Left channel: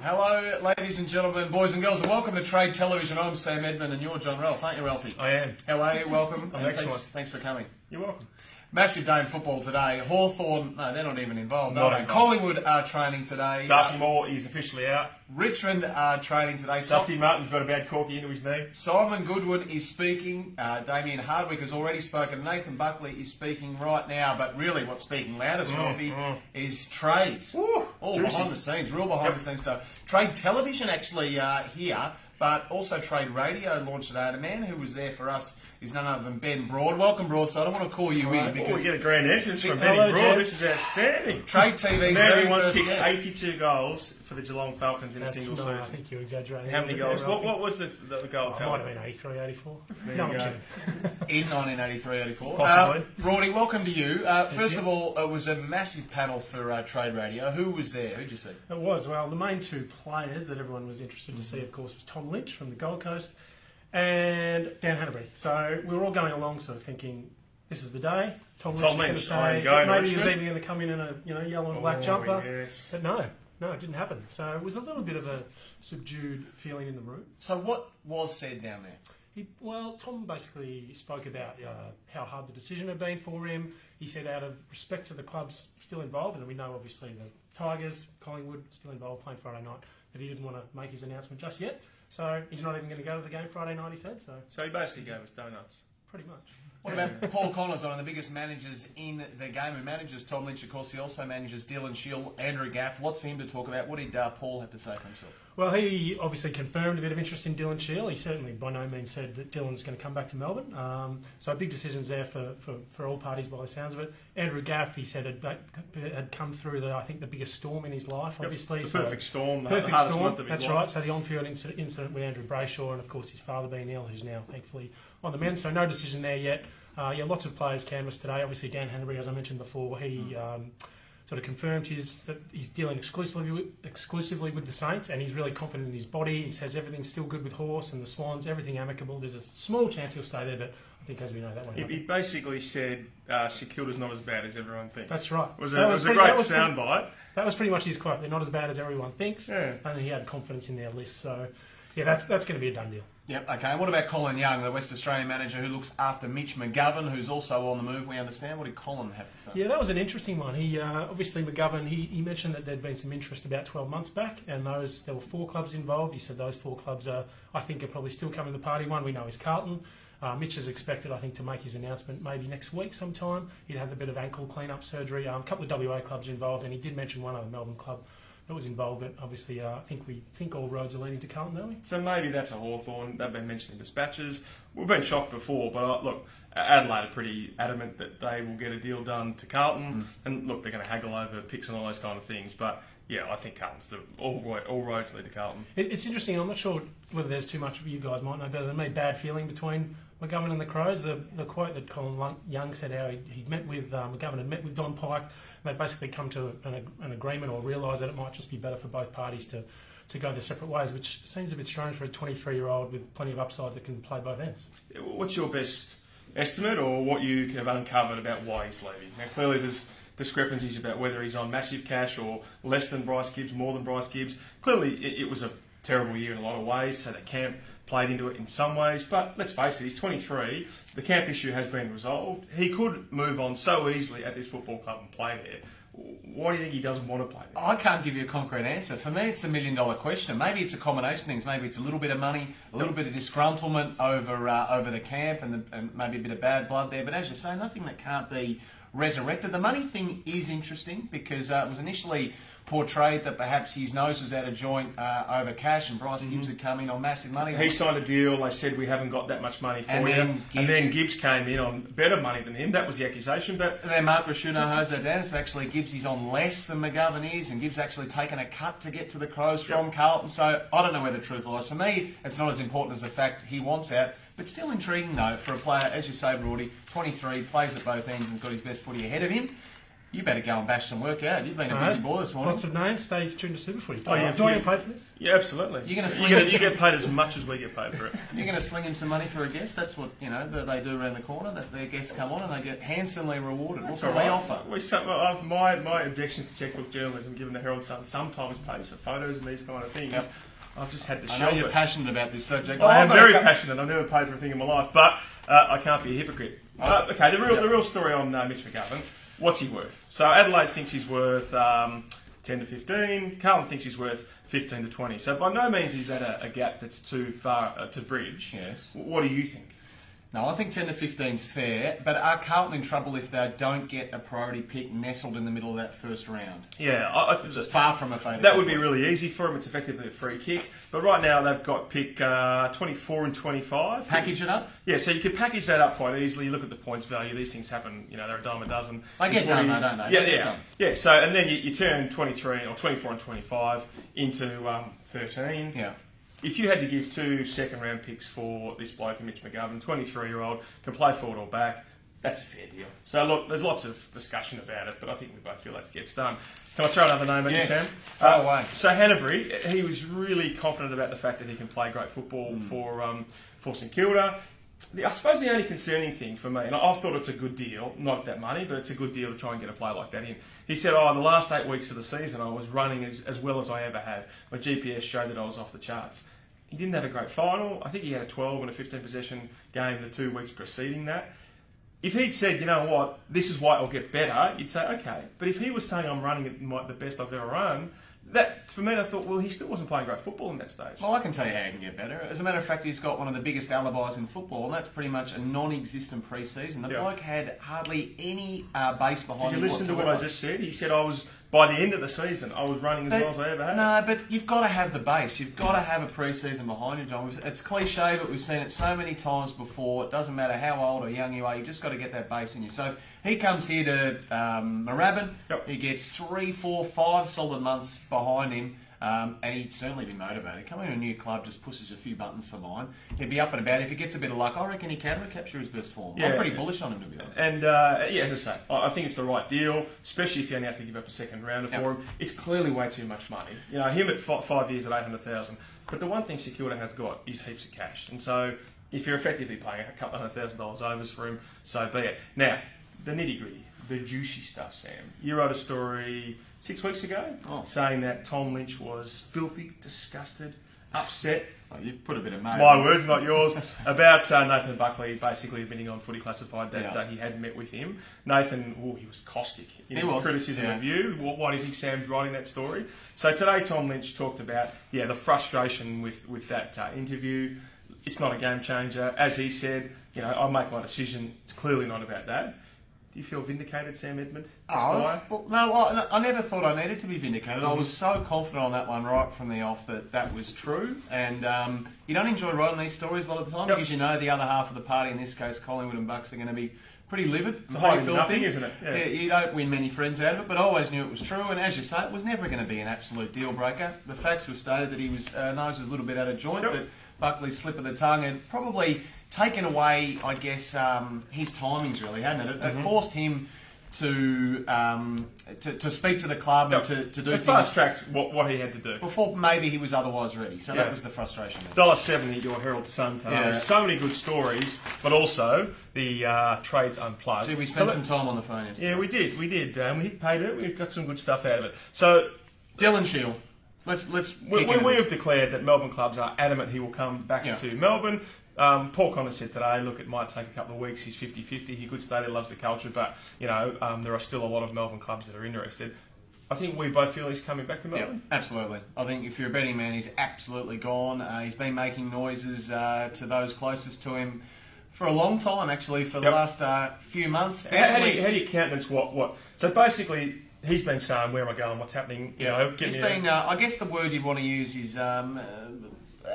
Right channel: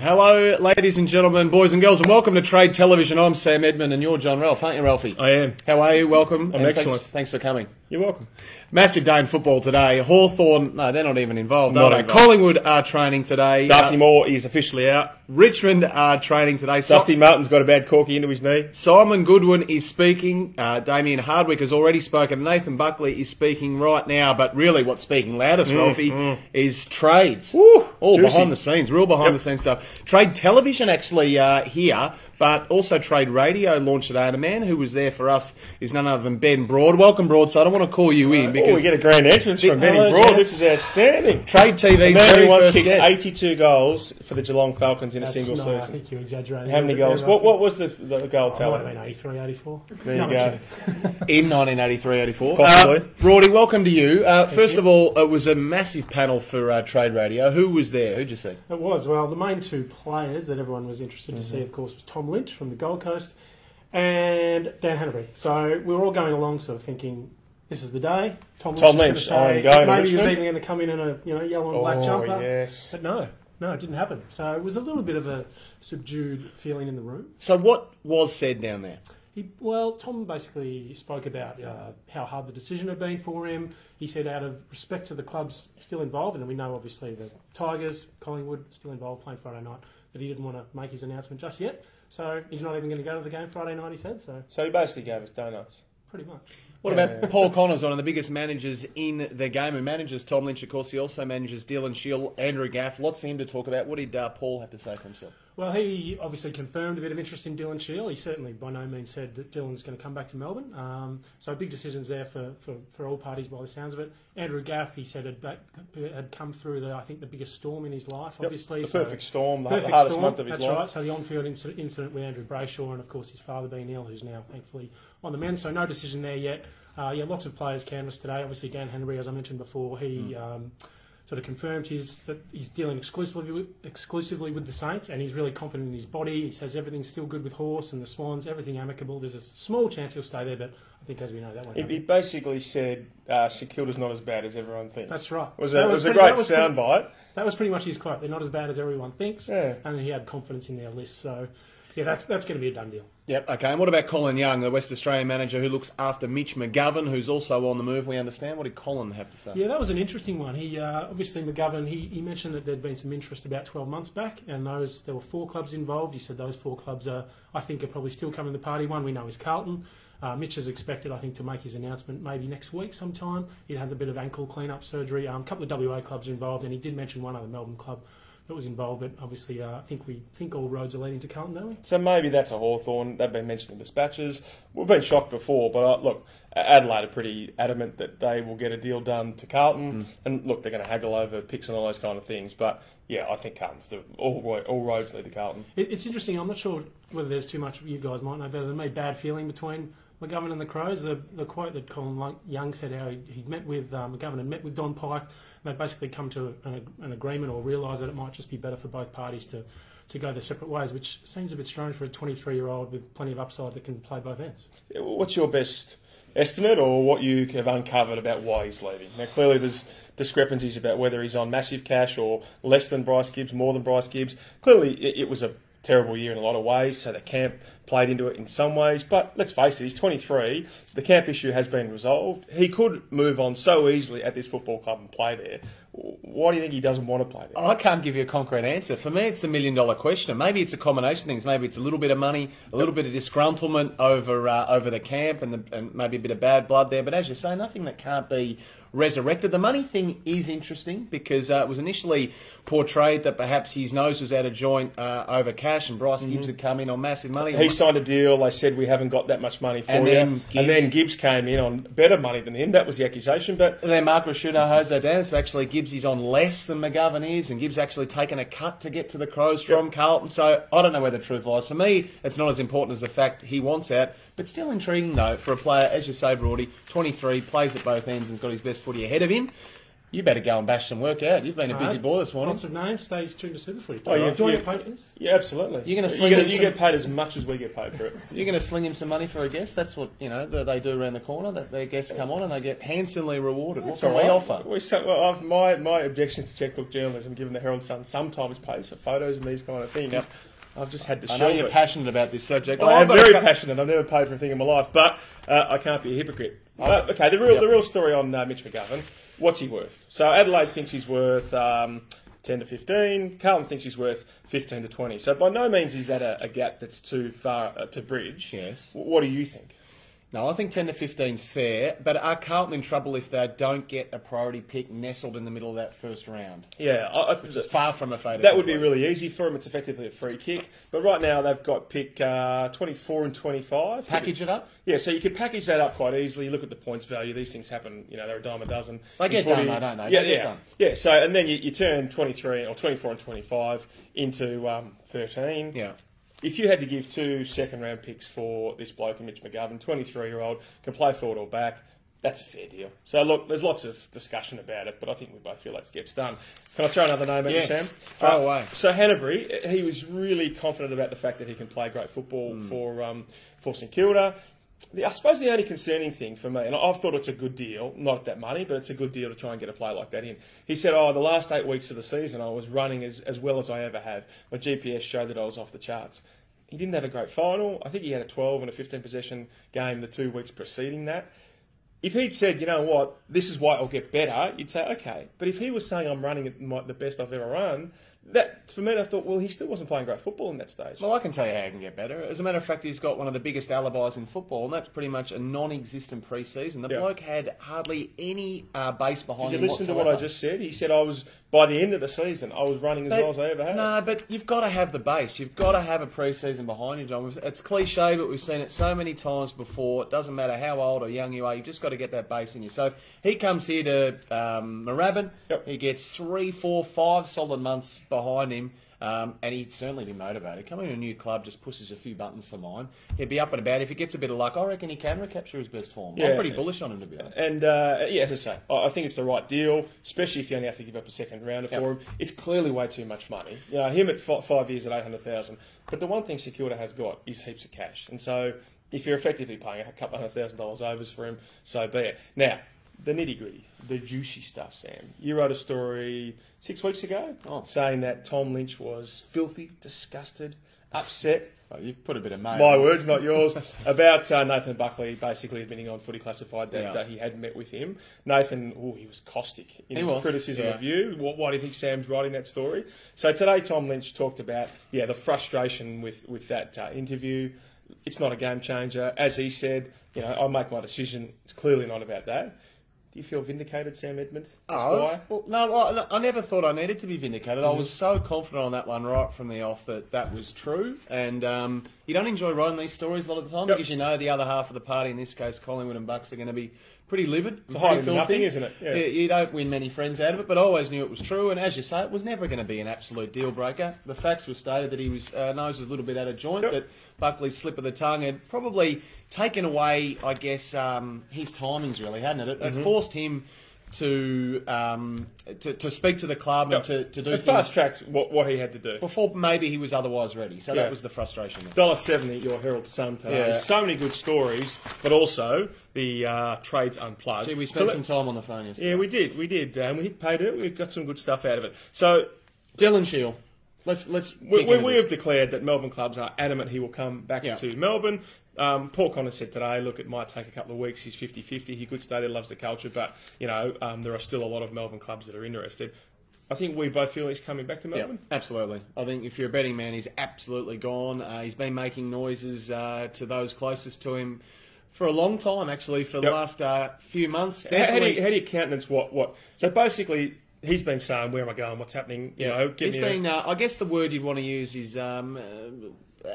Hello, ladies and gentlemen, boys and girls, and welcome to Trade Television. I'm Sam Edmund, and you're John Ralph, aren't you, Ralphie? I am. How are you? Welcome. I'm excellent. Thanks for coming. You're welcome. Massive day in football today. Hawthorn, no, they're not even involved, Not are they? involved. Collingwood are training today. Darcy Moore is officially out. Richmond are training today. Dusty Martin's got a bad corky into his knee. Simon Goodwin is speaking. Damien Hardwick has already spoken. Nathan Buckley is speaking right now. But really what's speaking loudest, Ralphie, is trades. Woo, all juicy. behind the scenes, real behind the scenes stuff. Trade Television actually here, but also Trade Radio launched today. And a man who was there for us is none other than Ben Broad. Welcome, Broad. So I don't want to call you in because we get a grand entrance from Benny Broad. This is outstanding. Trade TV's The man very who once first kicked guest. 82 goals for the Geelong Falcons in a single I season. think you're exaggerating. How many goals? What was the goal Might tally? have been 83, 84. There you No, I'm go. kidding. In 1983-84. Possibly. Broady, welcome to you. First of all, it was a massive panel for Trade Radio. Who was there? Who'd you see? It was. Well, the main two players that everyone was interested to see, of course, was Tom Lynch from the Gold Coast and Dan Hannebery. So we were all going along sort of thinking, this is the day. Tom Lynch, I am going to maybe he was Richmond. even going to come in a yellow and black jumper. Oh, yes. But no, it didn't happen. So it was a little bit of a subdued feeling in the room. So what was said down there? Tom basically spoke about how hard the decision had been for him. He said out of respect to the clubs still involved, and we know obviously the Tigers, Collingwood, still involved playing Friday night, that he didn't want to make his announcement just yet. So he's not even going to go to the game Friday night, he said. So he basically gave us donuts. pretty much. What about Paul Connors, one of the biggest managers in the game, who manages Tom Lynch, of course. He also manages Dylan Shiel, Andrew Gaff. Lots for him to talk about. What did Paul have to say for himself? Well, he obviously confirmed a bit of interest in Dylan Shiel. He certainly by no means said that Dylan's going to come back to Melbourne. So big decisions there for all parties by the sounds of it. Andrew Gaff, he said, had come through I think the biggest storm in his life, obviously. The perfect storm, the Perfect hardest storm, month of his that's life. right. So the on-field incident with Andrew Brayshaw and, of course, his father being ill, who's now thankfully on the mend. So no decision there yet. Lots of players canvassed today. Obviously, Dan Hannebery, as I mentioned before, he sort of confirmed that he's dealing exclusively with the Saints, and he's really confident in his body. He says everything's still good with Horse and the Swans, everything amicable. There's a small chance he'll stay there, but I think, as we know, that won't happen. He basically said Securita's not as bad as everyone thinks. That's right. It was a great soundbite. That was pretty much his quote. They're not as bad as everyone thinks, Yeah. and he had confidence in their list. So, yeah, that's going to be a done deal. Yep, okay. And what about Colin Young, the West Australian manager who looks after Mitch McGovern, who's also on the move, we understand? What did Colin have to say? Yeah, that was an interesting one. He obviously, McGovern, he mentioned that there'd been some interest about 12 months back, and there were 4 clubs involved. He said those 4 clubs are probably still coming to the party. One we know is Carlton. Mitch is expected, I think, to make his announcement maybe next week sometime. He'd had a bit of ankle clean-up surgery. A couple of WA clubs are involved, and he did mention one other Melbourne club that was involved, but obviously I think all roads are leading to Carlton, don't we? So maybe that's a Hawthorn. They've been mentioned in dispatches. We've been shocked before, but look, Adelaide are pretty adamant that they will get a deal done to Carlton. And look, they're going to haggle over picks and all those kind of things. But yeah, I think Carlton's all roads lead to Carlton. It's interesting. I'm not sure whether there's too much, you guys might know better than me, bad feeling between McGovern and the Crows. The quote that Colin Young said, how he'd met with McGovern had met with Don Pike. They'd basically come to an agreement or realise that it might just be better for both parties to go their separate ways, which seems a bit strange for a 23-year-old with plenty of upside that can play both ends. What's your best estimate or what you have uncovered about why he's leaving? Now, clearly there's discrepancies about whether he's on massive cash or less than Bryce Gibbs, more than Bryce Gibbs. Clearly it was a terrible year in a lot of ways, so the camp played into it in some ways, but let's face it, he's 23, the camp issue has been resolved. He could move on so easily at this football club and play there. Why do you think he doesn't want to play there? I can't give you a concrete answer. For me, it's a $1 million question. Maybe it's a combination of things. Maybe it's a little bit of money, a little bit of disgruntlement over the camp, and maybe a bit of bad blood there. But as you say, nothing that can't be resurrected. The money thing is interesting because it was initially portrayed that perhaps his nose was out of joint over cash, and Bryce Gibbs had come in on massive money. He signed a deal. They said, we haven't got that much money for you. And then Gibbs came in on better money than him. That was the accusation. But then Mark Rashudo, Jose Dennis, actually Gibbs is on less than McGovern is, and Gibbs actually taken a cut to get to the Crows from Carlton. So I don't know where the truth lies. For me, it's not as important as the fact he wants out. But still intriguing, though, for a player, as you say, Brody, 23, plays at both ends and has got his best footy ahead of him. You better go and bash some work out. You've been a busy boy this morning. Lots of names. Stay tuned to Super Footy. Oh, yeah, Do you get paid for this? Yeah, absolutely. You're going to you get paid as much as we get paid for it. You're going to sling him some money for a guest. That's what that they do around the corner. That their guests come on and they get handsomely rewarded. That's what all can right. they offer? My objections to checkbook journalism, given the Herald Sun sometimes pays for photos and these kind of things. Yep. I've just had to I shelve know you're it. passionate about this subject. I am very passionate. I've never paid for a thing in my life, but I can't be a hypocrite. Okay, the real story on Mitch McGovern. What's he worth? So Adelaide thinks he's worth 10 to 15. Carlton thinks he's worth 15 to 20. So by no means is that a gap that's too far to bridge. Yes. What do you think? No, I think 10 to 15 is fair, but are Carlton in trouble if they don't get a priority pick nestled in the middle of that first round? Yeah, It's far from a favourite. that would be really easy for them. It's effectively a free kick. But right now they've got pick 24 and 25. Package it up? Yeah, so you could package that up quite easily. You look at the points value. These things happen. They're a dime a dozen. They get done, though, don't they? Yeah. So and then you turn 23 or 24 and 25 into 13. Yeah. If you had to give 2 second-round picks for this bloke, Mitch McGovern, 23-year-old, can play forward or back, that's a fair deal. So, look, there's lots of discussion about it, but I think we both feel that gets done. Can I throw another name at you, Sam? Throw away. So, Hannebery, he was really confident about the fact that he can play great football for St Kilda. I suppose the only concerning thing for me, and I've thought it's a good deal, not that money, but it's a good deal to try and get a player like that in. He said, the last 8 weeks of the season, I was running as well as I ever have. My GPS showed that I was off the charts. He didn't have a great final. I think he had a 12 and a 15 possession game the 2 weeks preceding that. If he'd said, you know what, this is why I'll get better, you'd say, okay. But if he was saying I'm running at the best I've ever run, that, for me, I thought, well, he still wasn't playing great football in that stage. Well, I can tell you how he can get better. As a matter of fact, he's got one of the biggest alibis in football, and that's pretty much a non-existent pre-season. The bloke had hardly any base behind him. Did you listen to what I just said? He said by the end of the season, I was running as well as I ever had. No, but you've got to have the base. You've got to have a pre-season behind you, John. It's cliche, but we've seen it so many times before. It doesn't matter how old or young you are. You've just got to get that base in you. So if he comes here to Moorabbin, he gets 3, 4, 5 solid months behind him. And he'd certainly be motivated. Coming to a new club just pushes a few buttons for mine. He'd be up and about. If he gets a bit of luck, I reckon he can recapture his best form. I'm pretty bullish on him, to be honest. And, as I say, I think it's the right deal, especially if you only have to give up a second rounder for him. It's clearly way too much money. Him at 5 years at $800,000. But the one thing St Kilda has got is heaps of cash. And so if you're effectively paying a couple $100,000 overs for him, so be it. Now, the nitty-gritty, the juicy stuff, Sam. You wrote a story 6 weeks ago saying that Tom Lynch was filthy, disgusted, upset. Oh, you've put a bit of mail. My words, not yours. About Nathan Buckley basically admitting on Footy Classified that he had met with him. Nathan, he was caustic in his criticism of you. Why do you think Sam's writing that story? So today Tom Lynch talked about, the frustration with that interview. It's not a game changer. As he said, I'll make my decision. It's clearly not about that. Do you feel vindicated, Sam Edmund? No, I never thought I needed to be vindicated. I was so confident on that one right from the off that was true. And you don't enjoy writing these stories a lot of the time because you know the other half of the party, in this case Collingwood and Bucks, are going to be pretty livid. It's a hiding nothing, isn't it? Yeah. You don't win many friends out of it, but I always knew it was true. And as you say, it was never going to be an absolute deal breaker. The facts were stated that he was nose was a little bit out of joint, that Buckley's slip of the tongue had probably taken away, I guess, his timings really, hadn't it? It forced him to speak to the club and to do things. Fast-tracked what he had to do. Before maybe he was otherwise ready. So that was the frustration. $1.70 at your Herald Sun today. Yeah. So many good stories, but also the Trades Unplugged. Gee, we spent some time on the phone yesterday. Yeah, we did. We hit pay dirt. We got some good stuff out of it. So, Dylan Shiel. We have declared that Melbourne clubs are adamant he will come back to Melbourne. Paul Connor said today, look, it might take a couple of weeks. He's 50-50. He could stay there, loves the culture, but, there are still a lot of Melbourne clubs that are interested. I think we both feel he's coming back to Melbourne. Yeah, absolutely. I think if you're a betting man, he's absolutely gone. He's been making noises to those closest to him for a long time, actually, for the last few months. How do you countenance what? So basically, he's been saying, where am I going, what's happening? He's been, I guess the word you'd want to use is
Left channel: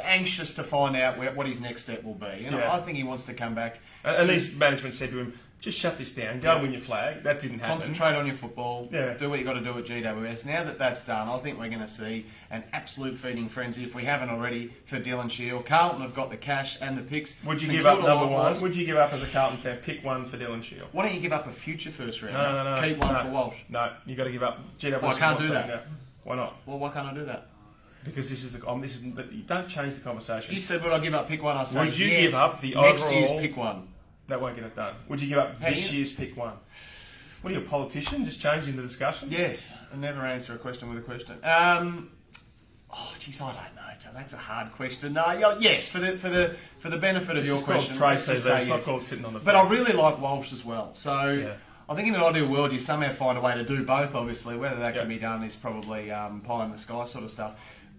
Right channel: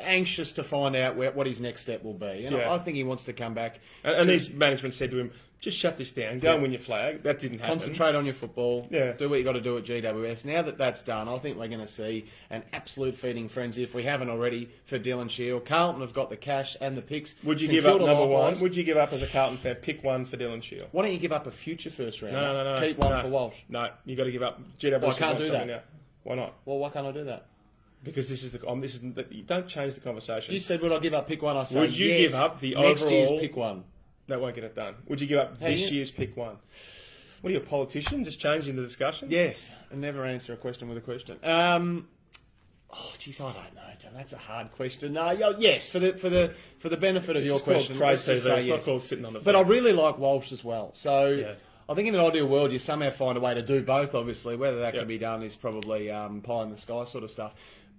anxious to find out what his next step will be. I think he wants to come back. And these management said to him, just shut this down, go and win your flag. That didn't happen. Concentrate on your football. Yeah. Do what you got to do at GWS. Now that that's done, I think we're going to see an absolute feeding frenzy, if we haven't already, for Dylan Shiel. Carlton have got the cash and the picks. Would you give up number one? Would you give up, as a Carlton fan, pick one for Dylan Shiel? Why don't you give up a future first round? No. Keep one for Walsh. No, you got to give up. GWS. Well, I can't do that. Now. Why not? Well, why can't I do that? Because this is you don't change the conversation. You said, would I give up pick one? I said, would you yes, give up the next overall? Next year's pick one. That won't get it done. Would you give up this year's pick one? What are you, a politician? Just changing the discussion? Yes. I never answer a question with a question. Geez, I don't know, John. That's a hard question. No, yes, for the benefit of your question. It's called TV. It's not called sitting on the fence. But I really like Walsh as well. So I think in an ideal world, you somehow find a way to do both, obviously. Whether that can be done is probably pie in the sky sort of stuff.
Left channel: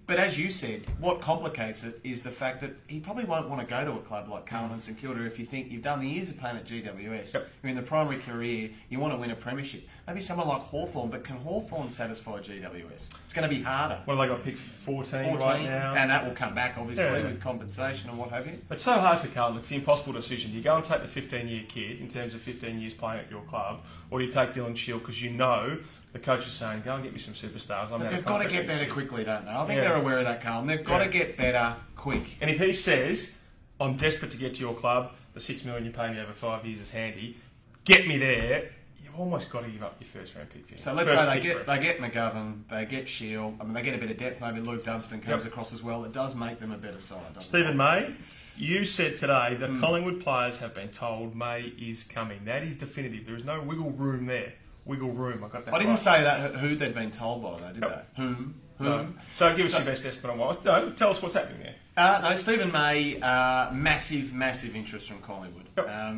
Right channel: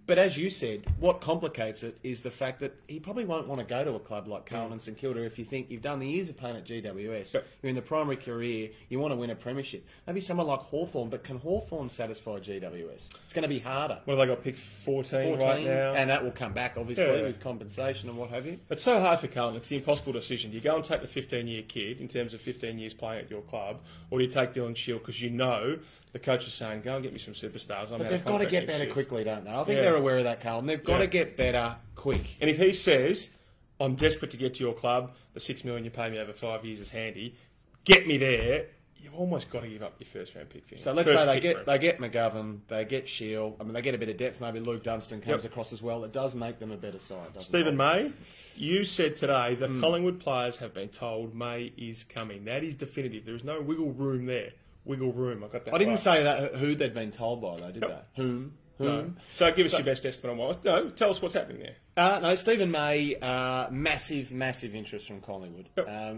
But as you said, what complicates it is the fact that he probably won't want to go to a club like Carlton and St Kilda if you think you've done the years of playing at GWS. You're in the primary career, you want to win a premiership. Maybe someone like Hawthorn, but can Hawthorn satisfy GWS? It's going to be harder. What have they got, pick 14 right now? And that will come back, obviously, with compensation and what have you. It's so hard for Carlton. It's the impossible decision. Do you go and take the 15-year kid in terms of 15 years playing at your club, or do you take Dylan Shiel because you know the coach is saying, go and get me some superstars. But they've got to get better quickly, don't they? I think they're aware of that, Carlton. They've got to get better quick. And if he says, I'm desperate to get to your club, the $6 million you pay me over 5 years is handy, get me there, you've almost got to give up your first round pick. So let's say they get McGovern, they get Shiel, I mean, they get a bit of depth, maybe Luke Dunstan comes across as well. It does make them a better side, doesn't Stephen May, you said today that Collingwood players have been told May is coming. That is definitive. There is no wiggle room there. Wiggle room. I got that. I didn't say that who they'd been told by, though, did they? Whom? No. So give us your best estimate on what. No, tell us what's happening there. No, Stephen May, massive interest from Collingwood.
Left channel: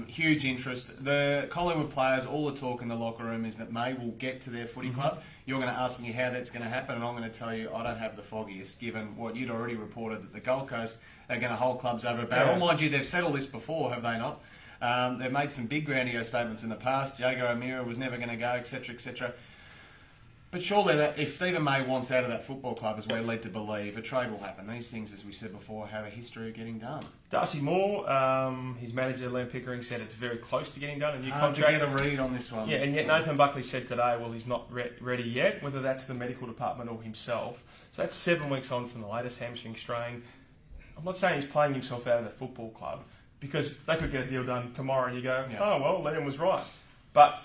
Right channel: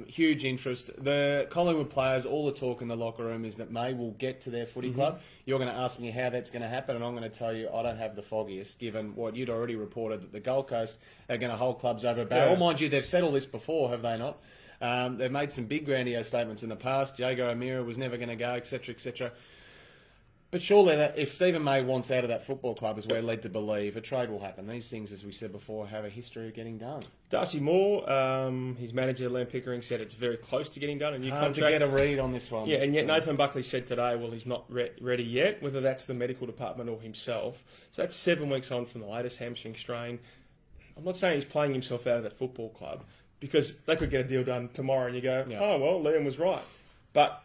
Huge interest. The Collingwood players, all the talk in the locker room is that May will get to their footy club. You're going to ask me how that's going to happen, and I'm going to tell you I don't have the foggiest, given what you'd already reported that the Gold Coast are going to hold clubs over a barrel. Mind you, they've said all this before, have they not? They've made some big grandiose statements in the past. Jago O'Meara was never going to go, etc., etc. But surely, if Stephen May wants out of that football club, as we're led to believe, a trade will happen. These things, as we said before, have a history of getting done. Darcy Moore, his manager, Len Pickering, said it's very close to getting done, a new contract. To get a read on this one. Yeah, and yet Nathan Buckley said today, well, he's not ready yet, whether that's the medical department or himself. So that's 7 weeks on from the latest hamstring strain. I'm not saying he's playing himself out of that football club, because they could get a deal done tomorrow and you go, oh, well, Liam was right. But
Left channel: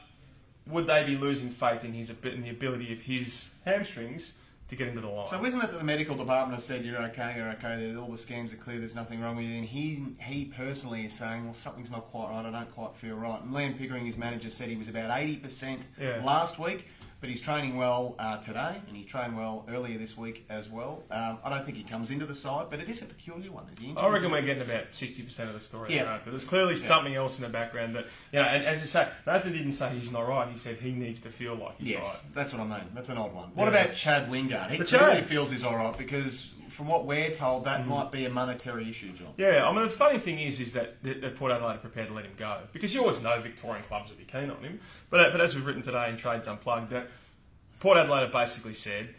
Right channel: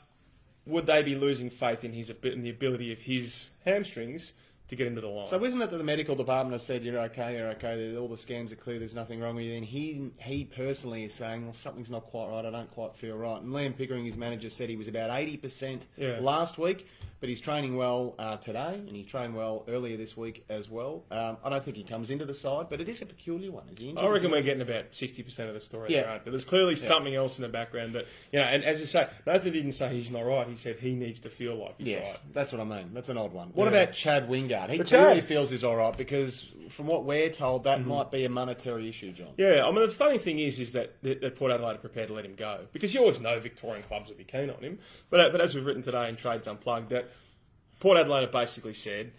would they be losing faith in the ability of his hamstrings to get into the line? So isn't it that the medical department have said, you're okay, all the scans are clear, there's nothing wrong with you, and he personally is saying, well, something's not quite right, I don't quite feel right. And Liam Pickering, his manager, said he was about 80% last week, but he's training well today, and he trained well earlier this week as well. I don't think he comes into the side, but it is a peculiar one. Is he? I reckon we're getting about 60% of the story there, aren't we? There's clearly something else in the background that, and as I say, Nathan didn't say he's not right, he said he needs to feel like he's right. That's what I mean. That's an odd one. What about Chad Wingard? He clearly feels he's all right, because from what we're told, that might be a monetary issue, John. Yeah, I mean, the stunning thing is that Port Adelaide are prepared to let him go, because you always know Victorian clubs would be keen on him. But as we've written today in Trades Unplugged, that Port Adelaide have basically said,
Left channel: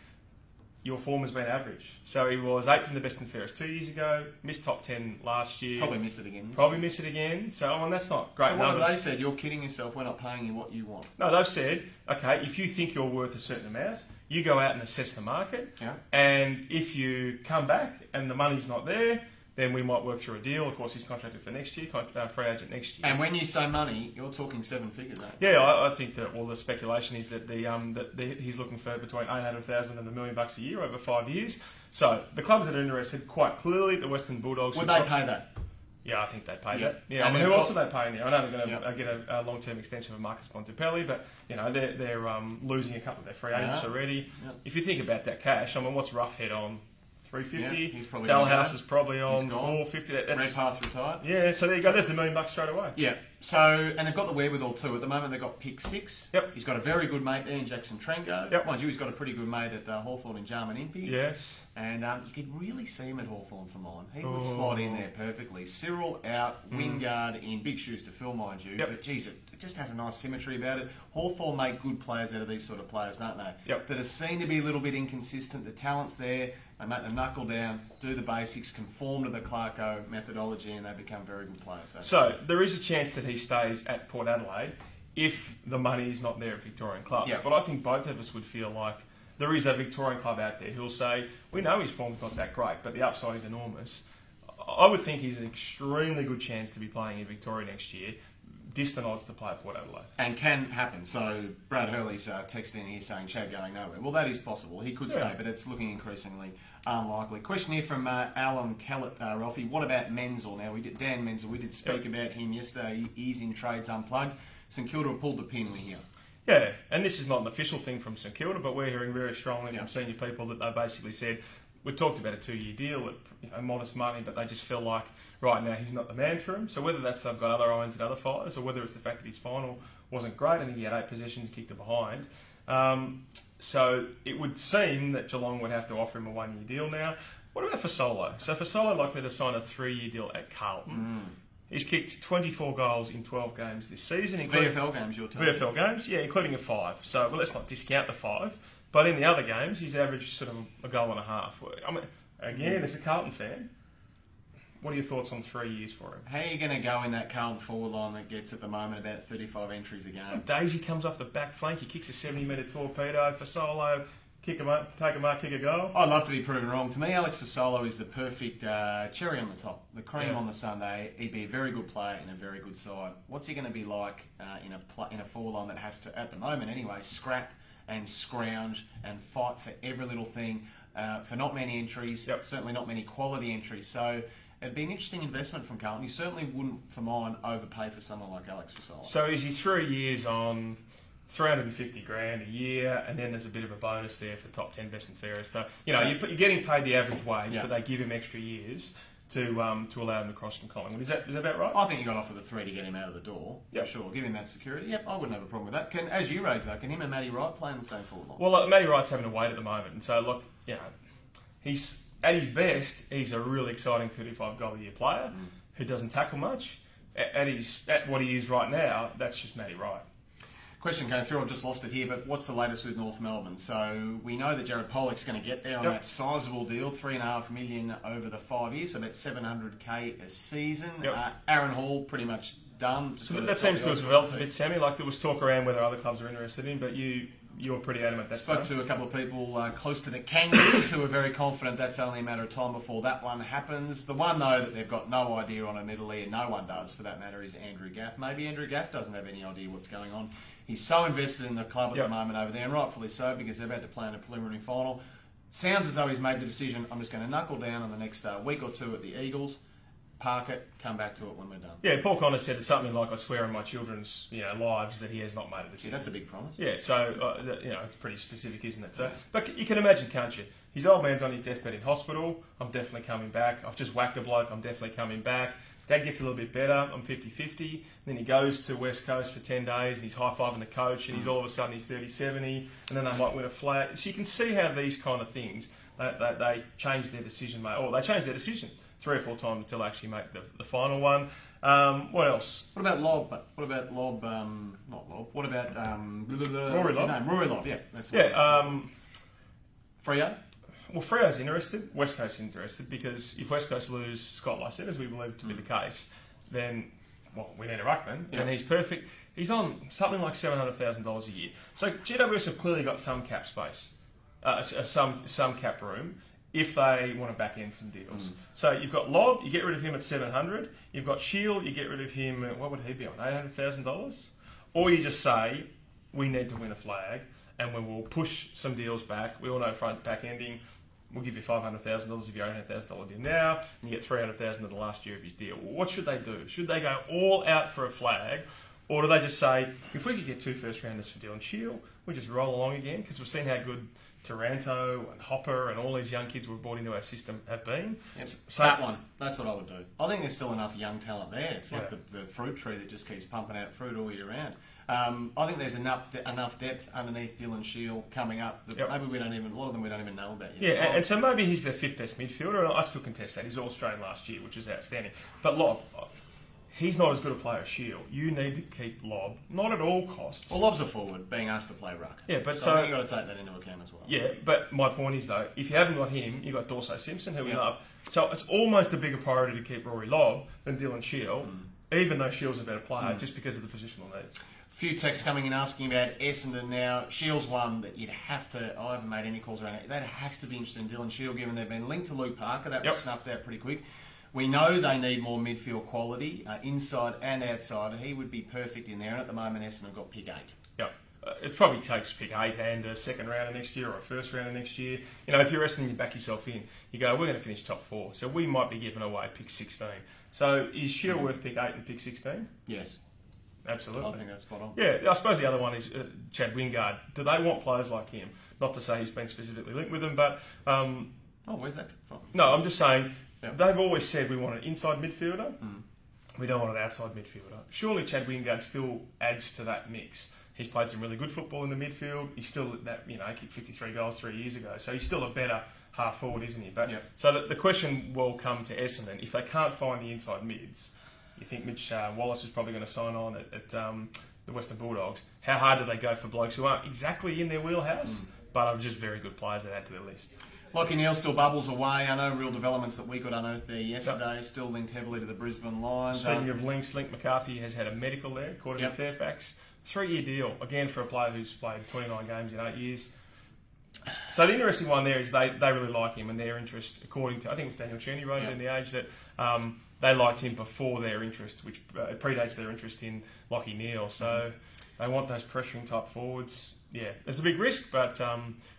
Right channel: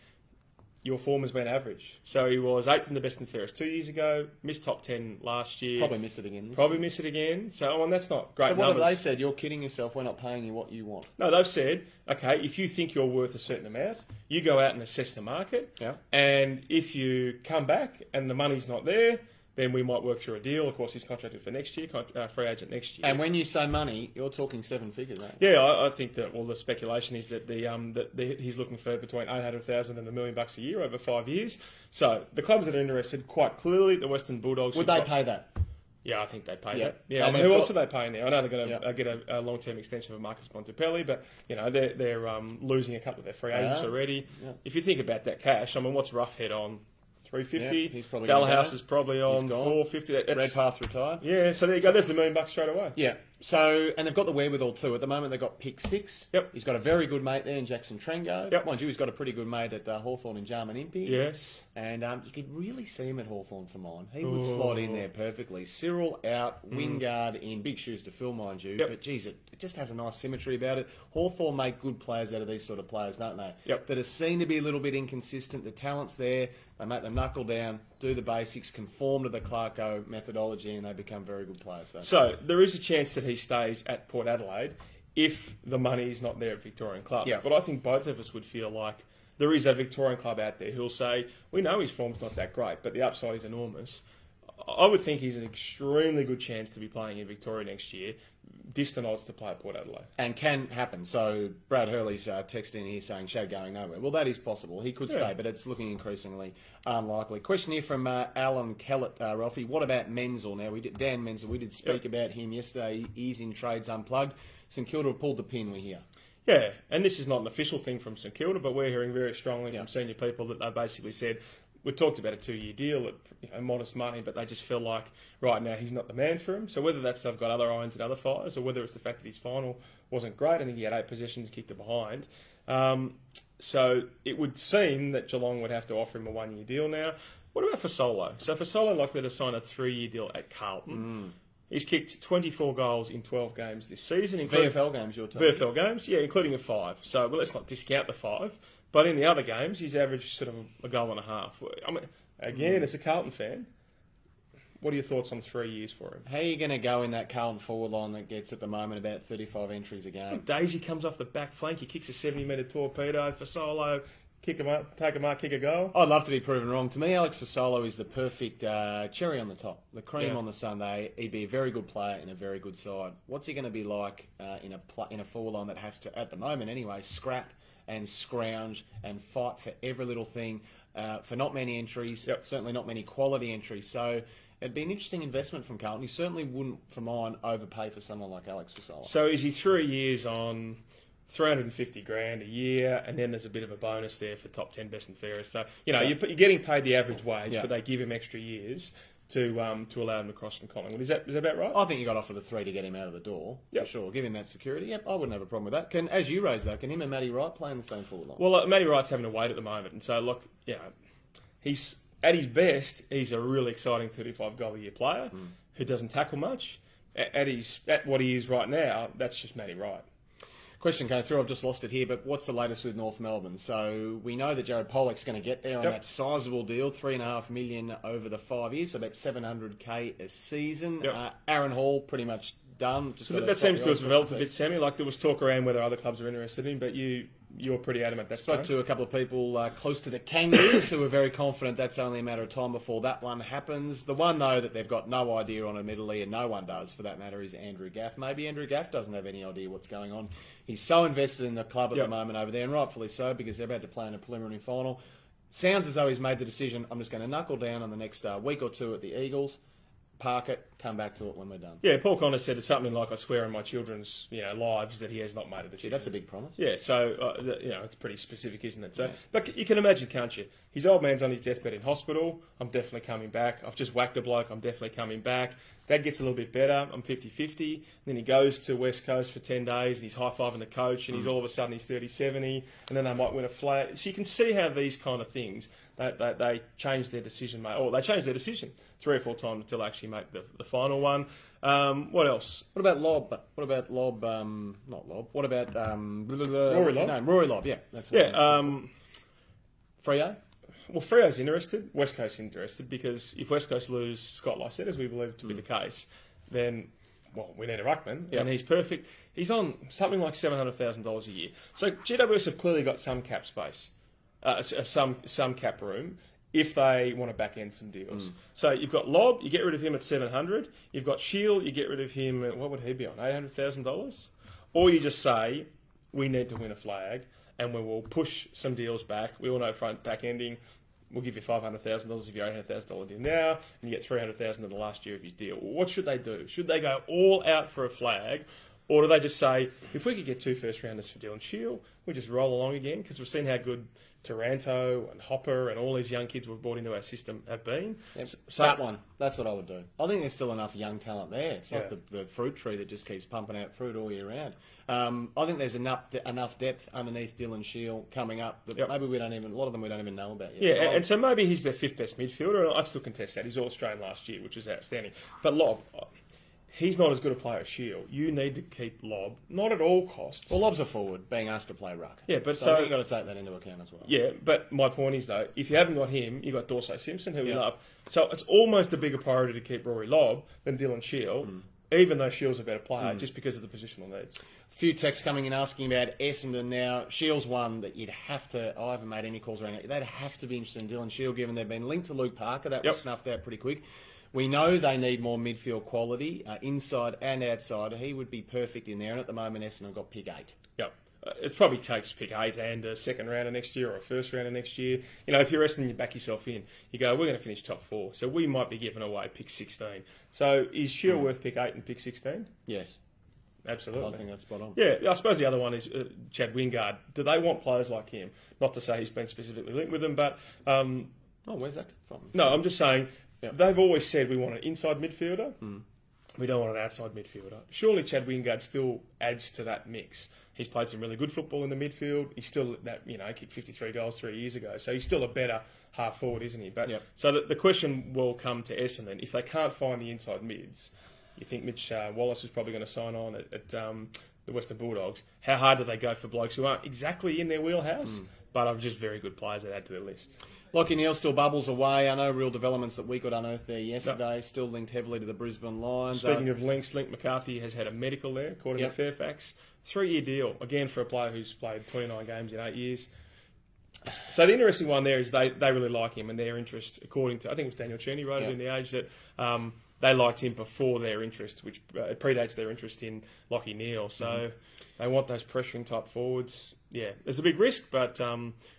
your form has been average. So he was 8th in the best and fairest 2 years ago, missed top 10 last year. Probably miss it again. So, that's not great numbers. So what have they said? You're kidding yourself, we're not paying you what you want. No, they've said, okay, if you think you're worth a certain amount, you go out and assess the market. Yeah. And if you come back and the money's not there, then we might work through a deal. Of course, he's contracted for next year, free agent next year. And when you say money, you're talking 7 figures, aren't you? Yeah, I think that, the speculation is that he's looking for between $800,000 and $1 million a year over 5 years. So the clubs that are interested, quite clearly, the Western Bulldogs... Would they pay that? Yeah, I think they'd pay that. Yeah, I mean, who else are they paying there? I know they're going to get a long-term extension of Marcus Bontempelli, but they're losing a couple of their free agents already. Yeah. If you think about that cash, I mean, what's Roughhead on? 350. Dalhouse is probably on 450. Redpath retired. Yeah, so there you go. There's $1 million straight away. Yeah. So, and they've got the wherewithal too. At the moment, they've got pick 6. Yep. He's got a very good mate there in Jackson Trengo. Yep. Mind you, he's got a pretty good mate at Hawthorn in Jarman Impey. Yes. And you could really see him at Hawthorn for mine. He would slot in there perfectly. Cyril out, Wingard in, big shoes to fill, mind you. Yep. But geez, it just has a nice symmetry about it. Hawthorn make good players out of these sort of players, don't they? Yep. That are seen to be a little bit inconsistent. The talent's there. They make them knuckle down, do the basics, conform to the Clarko methodology, and they become very good players. So there is a chance that he stays at Port Adelaide if the money is not there at Victorian clubs. Yeah. But I think both of us would feel like there is a Victorian club out there who'll say, we know his form's not that great, but the upside is enormous. I would think he's an extremely good chance to be playing in Victoria next year. Distant odds to play at Port Adelaide. And can happen. So Brad Hurley's texting here saying Chad going nowhere. Well, that is possible. He could stay, but it's looking increasingly unlikely. Question here from Alan Kellett, Ralphie. What about Menzel now? Dan Menzel, we did speak about him yesterday. He's in Trades Unplugged. St Kilda have pulled the pin, we hear. Yeah, and this is not an official thing from St Kilda, but we're hearing very strongly from senior people that they basically said, we talked about a 2-year deal at modest money, but they just feel like right now he's not the man for him. So whether that's they've got other irons and other fires, or whether it's the fact that his final wasn't great, I think he had 8 possessions, kicked it behind. So it would seem that Geelong would have to offer him a 1-year deal now. What about Fasolo? So Fasolo likely to sign a 3-year deal at Carlton. He's kicked 24 goals in 12 games this season. VFL games, you're telling me? VFL games, yeah, including a 5. So let's not discount the 5. But in the other games, he's averaged sort of a goal and a half. I mean, again, as a Carlton fan, what are your thoughts on 3 years for him? How are you going to go in that Carlton forward line that gets at the moment about 35 entries a game? Daisy comes off the back flank, he kicks a 70-metre torpedo. Fasolo, kick him up, take him up, kick a goal. I'd love to be proven wrong. To me, Alex Fasolo is the perfect cherry on the top, the cream on the sundae. He'd be a very good player in a very good side. What's he going to be like in a forward line that has to, at the moment anyway, scrap and scrounge and fight for every little thing, for not many entries, certainly not many quality entries. So it'd be an interesting investment from Carlton. You certainly wouldn't, for mine, overpay for someone like Alex Fasolo. So is he 3 years on 350 grand a year, and then there's a bit of a bonus there for top 10 best and fairest. So, you know, you're getting paid the average wage, but they give him extra years to allow him to cross from Collingwood. Is that about right? I think you got to offer the 3 to get him out of the door, for sure. Give him that security. Yep, I wouldn't have a problem with that. As you raised that, can him and Matty Wright play in the same forward line? Well, Matty Wright's having a wait at the moment, and so, look, you know, he's at his best, he's a really exciting 35-goal-a-year player who doesn't tackle much. At what he is right now, that's just Matty Wright. Question came through, I've just lost it here, but what's the latest with North Melbourne? So we know that Jared Pollock's going to get there on that sizable deal, $3.5 million over the 5 years, so about $700K a season. Aaron Hall pretty much done. So that seems to have developed a bit, Sammy. Like there was talk around whether other clubs are interested in, but you're pretty adamant that's spoke to a couple of people close to the Kangaroos who are very confident that's only a matter of time before that one happens. The one, though, that they've got no idea on, admittedly, and no one does for that matter, is Andrew Gaff. Maybe Andrew Gaff doesn't have any idea what's going on. He's so invested in the club at the moment over there, and rightfully so, because they're about to play in a preliminary final. Sounds as though he's made the decision, I'm just going to knuckle down in the next week or two at the Eagles, park it, come back to it when we're done. Yeah, Paul Connor said something like, I swear on my children's lives that he has not made a decision. Yeah, that's a big promise. Yeah, so, it's pretty specific, isn't it? So, but you can imagine, can't you? His old man's on his deathbed in hospital. I'm definitely coming back. I've just whacked a bloke. I'm definitely coming back. Dad gets a little bit better. I'm 50-50. Then he goes to West Coast for 10 days and he's high-fiving the coach and he's all of a sudden he's 30-70 and then they might win a flag. So you can see how these kind of things, they change their decision, or they change their decision 3 or 4 times until they actually make the final one. What else? What about Lobb? What about Lobb? Not Lobb. What about Rory Lobb? Rory Lobb, yeah. That's Freo? Well, Freo's interested. West Coast's interested because if West Coast lose Scott Lycett, as we believe to be the case, then, we need a ruckman, and he's perfect. He's on something like $700,000 a year. So GWS have clearly got some cap space, some cap room, if they want to back end some deals. So you've got Lobb, you get rid of him at $700,000. You've got Shiel, you get rid of him at, what would he be on, $800,000? Or you just say, we need to win a flag, and we will push some deals back. We all know front back ending. We'll give you $500,000 if you're $800,000 deal now, and you get $300,000 in the last year of his deal. What should they do? Should they go all out for a flag, or do they just say, if we could get 2 first-rounders for Dylan Shiel, we just roll along again? Because we've seen how good Taranto and Hopper and all these young kids we've brought into our system have been. Yep. So that one, that's what I would do. I think there's still enough young talent there. It's like the fruit tree that just keeps pumping out fruit all year round. I think there's enough depth underneath Dylan Shiel coming up that maybe a lot of them we don't even know about yet. Yeah, and so maybe he's their 5th best midfielder, and I still contest that. He's All-Australian last year, which was outstanding. But Lobb, he's not as good a player as Shiel. You need to keep Lobb, not at all costs. Well, Lobb's a forward, being asked to play ruck. Yeah, but so I think you've got to take that into account as well. Yeah, but my point is, though, if you haven't got him, you've got Dorsey Simpson, who we love. So it's almost a bigger priority to keep Rory Lobb than Dylan Shiel. even though Shiel's a better player, just because of the positional needs. A few texts coming in asking about Essendon now. Shiel's one that you'd have to... I haven't made any calls around it. They'd have to be interested in Dylan Shiel, given they've been linked to Luke Parker. That was snuffed out pretty quick. We know they need more midfield quality, inside and outside. He would be perfect in there, and at the moment Essendon got pick 8. Yep. It probably takes pick 8 and a second round of next year or a first round of next year. You know, if you're Essendon, you back yourself in. You go, we're going to finish top 4, so we might be giving away pick 16. So is Shiel worth pick 8 and pick 16? Yes. Absolutely. I think that's spot on. Yeah, I suppose the other one is Chad Wingard. Do they want players like him? Not to say he's been specifically linked with them, but... where's that from? No, I'm just saying, they've always said we want an inside midfielder. We don't want an outside midfielder. Surely Chad Wingard still adds to that mix. He's played some really good football in the midfield. He's still that, he kicked 53 goals 3 years ago. So he's still a better half forward, isn't he? But so the question will come to Essendon. If they can't find the inside mids, you think Mitch Wallace is probably going to sign on at the Western Bulldogs. How hard do they go for blokes who aren't exactly in their wheelhouse, but are just very good players that add to their list? Lachie Neale still bubbles away. I know real developments that we got unearthed there yesterday. Still linked heavily to the Brisbane Lions. Speaking of links, Link McCarthy has had a medical there, according to Fairfax. 3-year deal, again, for a player who's played 29 games in 8 years. So the interesting one there is they really like him, and their interest, according to, I think it was Daniel Cheney wrote it in The Age, that they liked him before their interest, which predates their interest in Lachie Neale. So they want those pressuring type forwards. Yeah, it's a big risk, but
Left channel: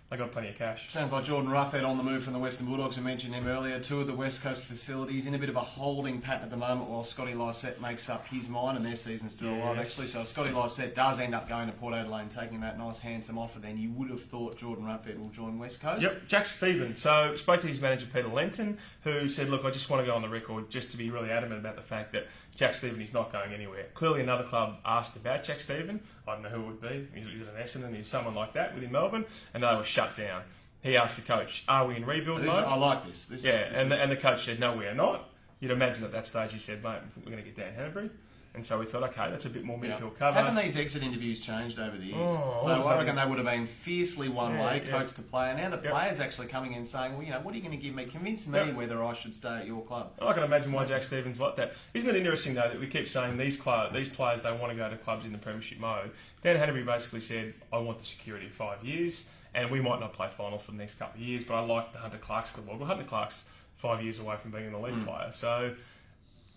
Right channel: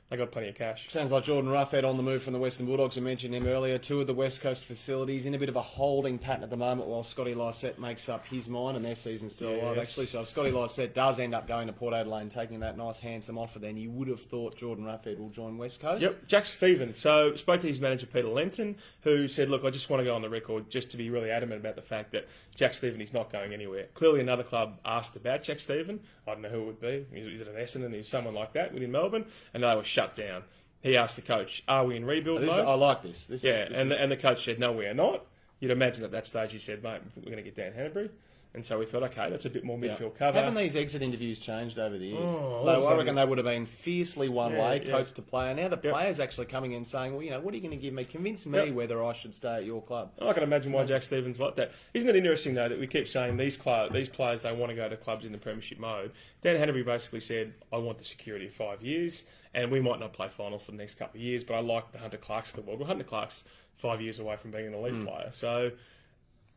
they got plenty of cash. Sounds like Jordan Roughhead on the move from the Western Bulldogs. I mentioned him earlier. 2 of the West Coast facilities in a bit of a holding pattern at the moment while Scotty Lysette makes up his mind, and their season's still alive, actually. So if Scotty Lysette does end up going to Port Adelaide and taking that nice, handsome offer, then you would have thought Jordan Roughhead will join West Coast. Yep, Jack Stephen. So spoke to his manager, Peter Lenton, who said, look, I just want to go on the record just to be really adamant about the fact that Jack Stephen is not going anywhere. Clearly another club asked about Jack Stephen. I don't know who it would be. Is it an Essendon? Is someone like that within Melbourne? And they were shut down. He asked the coach, are we in rebuild mode? I like this. And the coach said, no, we are not. You'd imagine at that stage he said, mate, we're going to get Dan Hannebery. And so we thought, okay, that's a bit more midfield cover. Haven't these exit interviews changed over the years? I reckon they would have been fiercely one-way, coach to player. Now the players actually coming in saying, well, what are you going to give me? Convince me whether I should stay at your club. I can imagine why Jack Stevens like that. Isn't it interesting, though, that we keep saying these players, they want to go to clubs in the premiership mode. Dan Hannebery basically said, I want the security of 5 years, and we might not play final for the next couple of years, but I like the Hunter Clarks of the world. Well, Hunter Clark's 5 years away from being an elite player. So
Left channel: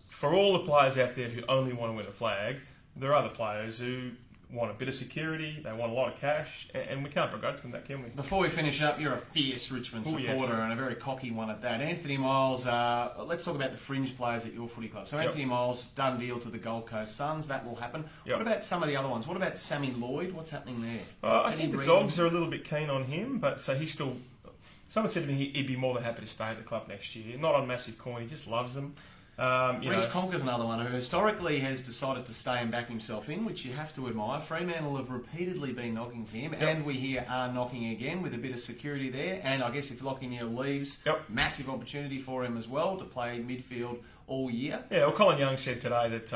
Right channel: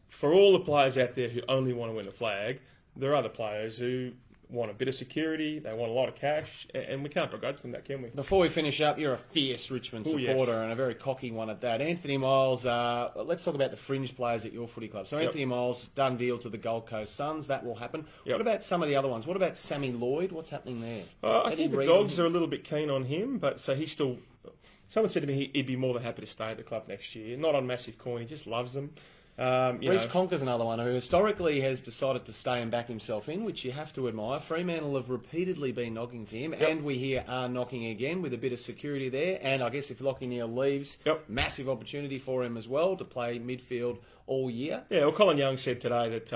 for all the players out there who only want to win a flag, there are other players who want a bit of security, they want a lot of cash, and we can't begrudge them that, can we? Before we finish up, you're a fierce Richmond supporter and a very cocky one at that. Anthony Miles, let's talk about the fringe players at your footy club. So Anthony Miles, done deal to the Gold Coast Suns, that will happen. What about some of the other ones? What about Sammy Lloyd? What's happening there? I think the Dogs are a little bit keen on him, but so he's still... Someone said to me he'd be more than happy to stay at the club next year. Not on massive coin, he just loves them. Reece Conker's another one who historically has decided to stay and back himself in, which you have to admire. Fremantle have repeatedly been knocking for him, and we hear are knocking again with a bit of security there. And I guess if Lachie Neale leaves, massive opportunity for him as well to play midfield all year. Yeah, well, Colin Young said today that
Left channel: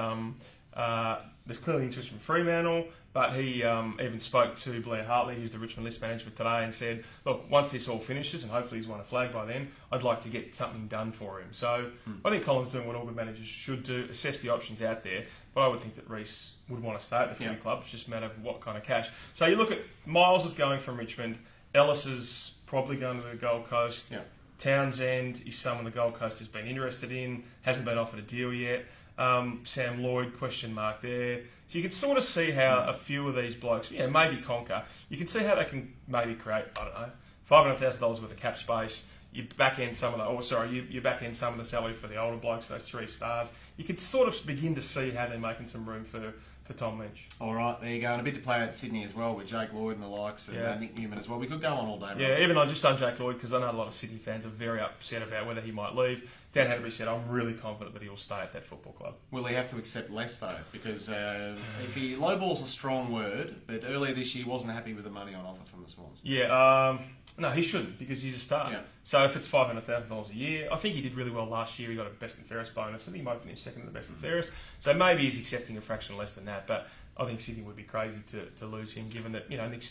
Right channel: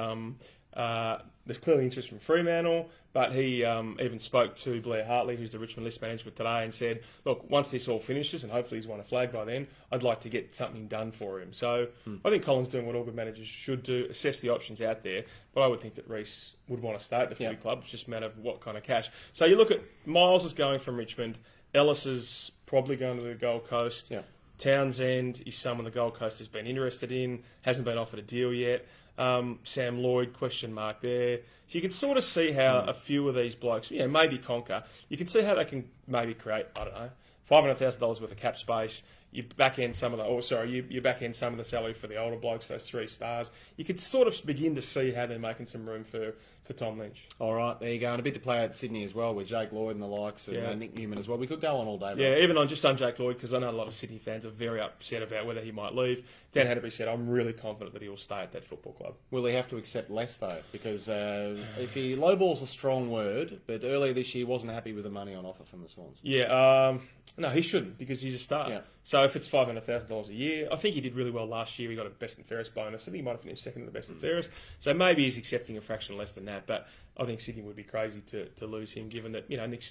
there's clearly interest from Fremantle, but he even spoke to Blair Hartley, who's the Richmond list manager today, and said, look, once this all finishes, and hopefully he's won a flag by then, I'd like to get something done for him. So I think Colin's doing what all good managers should do, assess the options out there, but I would think that Reece would want to stay at the footy club. It's just a matter of what kind of cash. So you look at Miles is going from Richmond, Ellis is probably going to the Gold Coast, Townsend is someone the Gold Coast has been interested in, hasn't been offered a deal yet. Sam Lloyd, question mark there. So you can sort of see how a few of these blokes, maybe Conker, you can see how they can maybe create, I don't know, $500,000 worth of cap space. You back end some of the, you back end some of the salary for the older blokes, those 3 stars. You could sort of begin to see how they're making some room for Tom Lynch. All right, there you go. And a bit to play at Sydney as well with Jake Lloyd and the likes, and Nick Newman as well. We could go on all day. Yeah, even on just on Jake Lloyd, because I know a lot of Sydney fans are very upset about whether he might leave. Dan Hannebery said, I'm really confident that he will stay at that football club. Will he have to accept less, though? Because if lowball's a strong word, but earlier this year he wasn't happy with the money on offer from the Swans. Yeah, No, he shouldn't, because he's a star. Yeah. So if it's $500,000 a year, I think he did really well last year. He got a best and fairest bonus, and he might have finished second in the best and fairest. So maybe he's accepting a fraction less than that. But I think Sydney would be crazy to lose him, given that Nick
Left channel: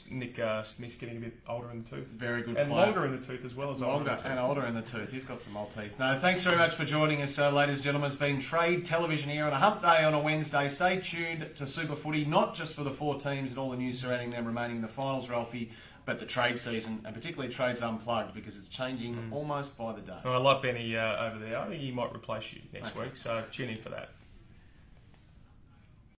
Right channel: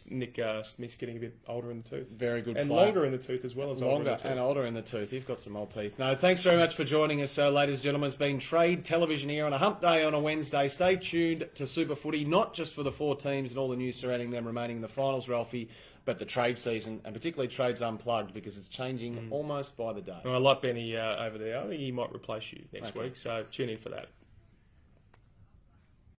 Smith's getting a bit older in the tooth, Very good and player. longer in the tooth as well as older in the tooth. And older in the tooth. You've got some old teeth. No, thanks very much for joining us, ladies and gentlemen. It's been Trade Television here on a hump day on a Wednesday. Stay tuned to Super Footy, not just for the 4 teams and all the news surrounding them remaining in the finals, Ralphie, but the trade season, and particularly Trades Unplugged, because it's changing almost by the day. Well, I like Benny over there. I think he might replace you next week, so tune in for that.